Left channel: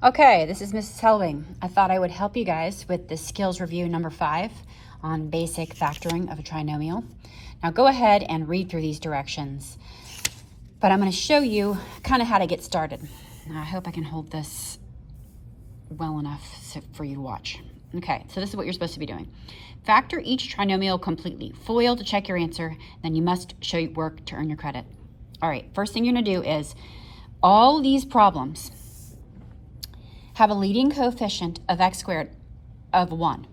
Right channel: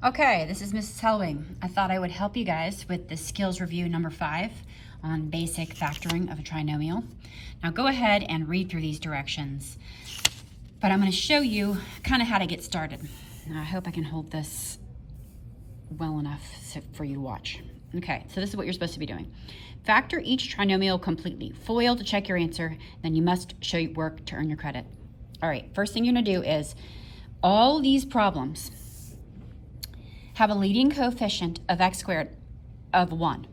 Okay, this is Mrs. Helving. I thought I would help you guys with the skills review number 5 on basic factoring of a trinomial. Now go ahead and read through these directions, but I'm going to show you kind of how to get started. Now, I hope I can hold this well enough for you to watch. Okay, so this is what you're supposed to be doing. Factor each trinomial completely. FOIL to check your answer, then you must show your work to earn your credit. All right, first thing you're going to do is all these problems have a leading coefficient of x squared of 1.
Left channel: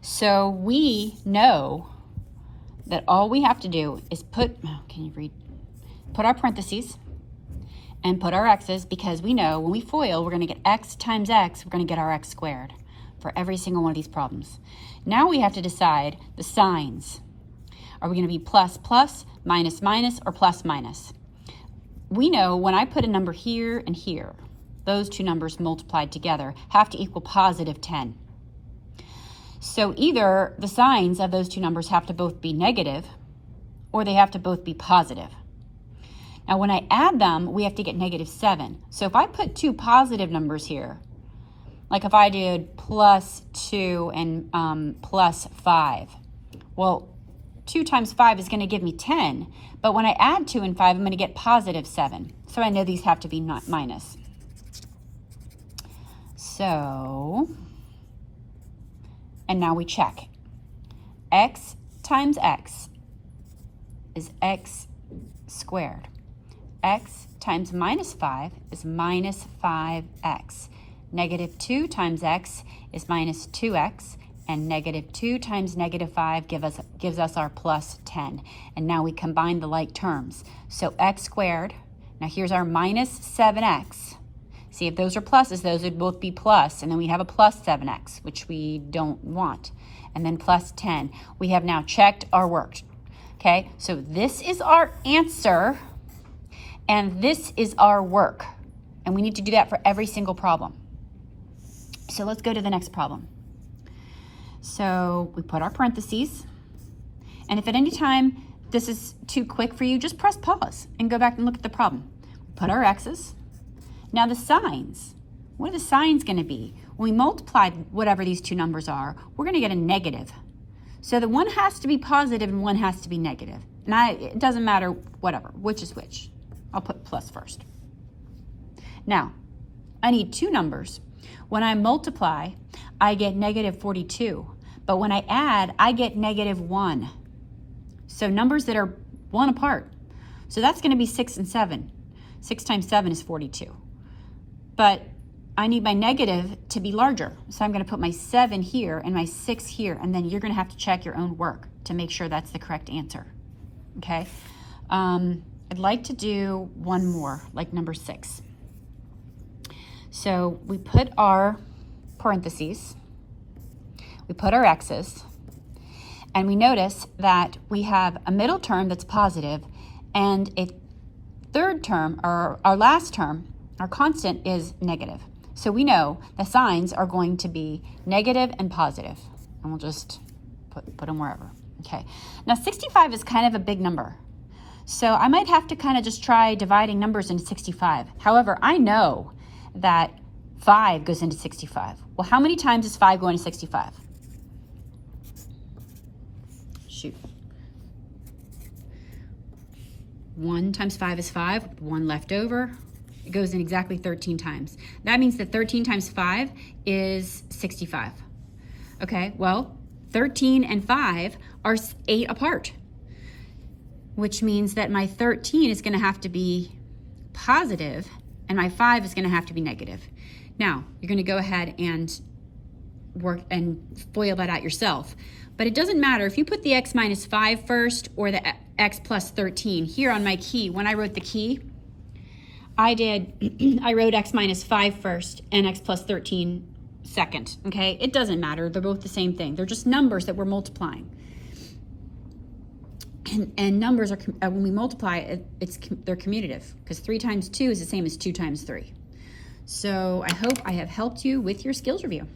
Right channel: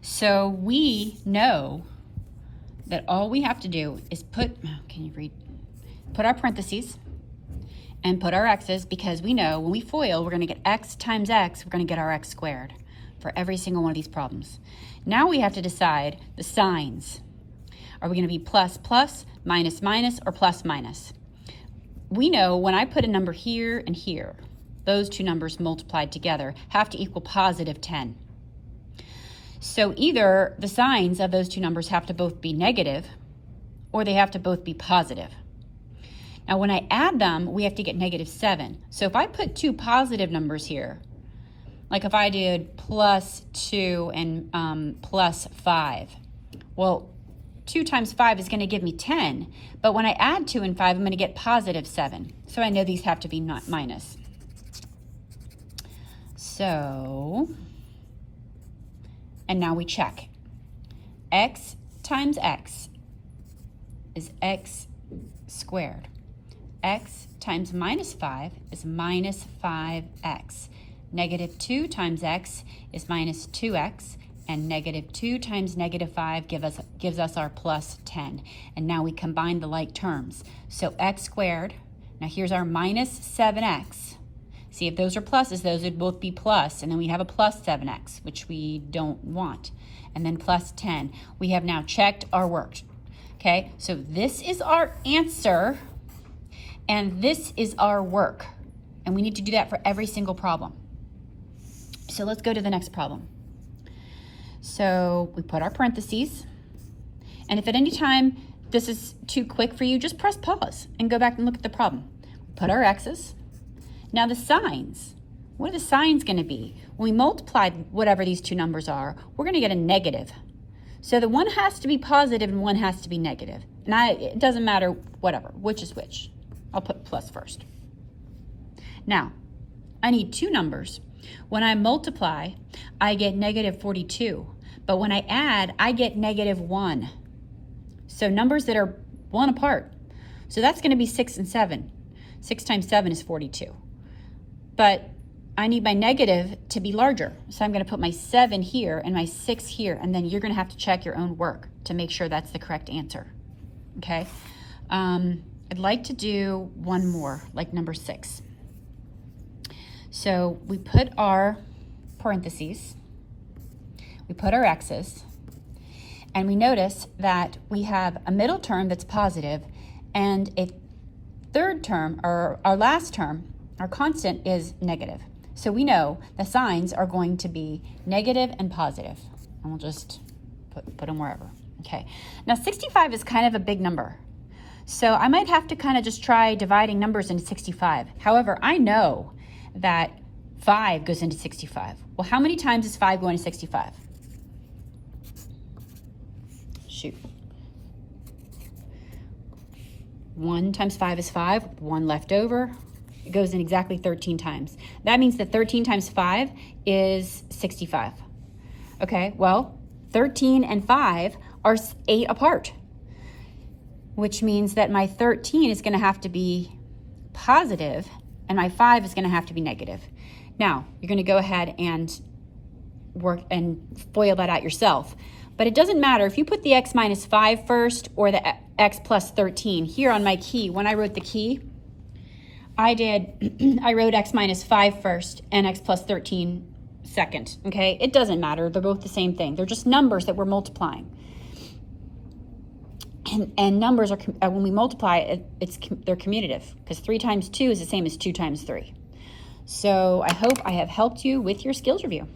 So we know that all we have to do is put our parentheses and put our x's, because we know when we FOIL, we're going to get x times x, we're going to get our x squared for every single one of these problems. Now we have to decide the signs. Are we going to be plus plus, minus minus, or plus minus? We know when I put a number here and here, those two numbers multiplied together have to equal positive 10. So either the signs of those two numbers have to both be negative or they have to both be positive. Now when I add them, we have to get negative 7. So if I put two positive numbers here, like if I did plus 2 and plus 5, well, 2 times 5 is going to give me 10, but when I add 2 and 5, I'm going to get positive 7. So I know these have to be not minus. So, and now we check. X times x is x squared. X times minus 5 is minus 5x. Negative 2 times x is minus 2x. And negative 2 times negative 5 gives us our plus 10. And now we combine the like terms. So x squared, now here's our minus 7x. See, if those are pluses, those would both be plus, and then we have a plus 7x, which we don't want. And then plus 10. We have now checked our work. Okay, so this is our answer, and this is our work. And we need to do that for every single problem. So let's go to the next problem. So we put our parentheses, and if at any time this is too quick for you, just press pause and go back and look at the problem. Put our x's. Now the signs, what are the signs going to be? When we multiply whatever these two numbers are, we're going to get a negative. So the one has to be positive and one has to be negative. And it doesn't matter, whatever, which is which. I'll put plus first. Now, I need two numbers. When I multiply, I get negative 42. But when I add, I get negative 1. So numbers that are 1 apart. So that's going to be 6 and 7. 6 times 7 is 42. But I need my negative to be larger. So I'm going to put my 7 here and my 6 here, and then you're going to have to check your own work to make sure that's the correct answer. Okay? I'd like to do one more, like number 6. So we put our parentheses, we put our x's, and we notice that we have a middle term that's positive and a third term, or our last term, our constant, is negative. So we know the signs are going to be negative and positive, and we'll just put them wherever. Okay. Now 65 is kind of a big number, so I might have to kind of just try dividing numbers into 65. However, I know that 5 goes into 65. Well, how many times does 5 go into 65? Shoot. 1 times 5 is 5, 1 left over. It goes in exactly 13 times. That means that 13 times 5 is 65. Okay, well, 13 and 5 are 8 apart, which means that my 13 is going to have to be positive and my 5 is going to have to be negative. Now, you're going to go ahead and work and FOIL that out yourself. But it doesn't matter if you put the x minus 5 first or the x plus 13. Here on my key, when I wrote the key, I wrote x minus 5 first and x plus 13 second, okay? It doesn't matter. They're both the same thing. They're just numbers that we're multiplying. And numbers are, when we multiply, they're commutative, because 3 times 2 is the same as 2 times 3. So I hope I have helped you with your skills review.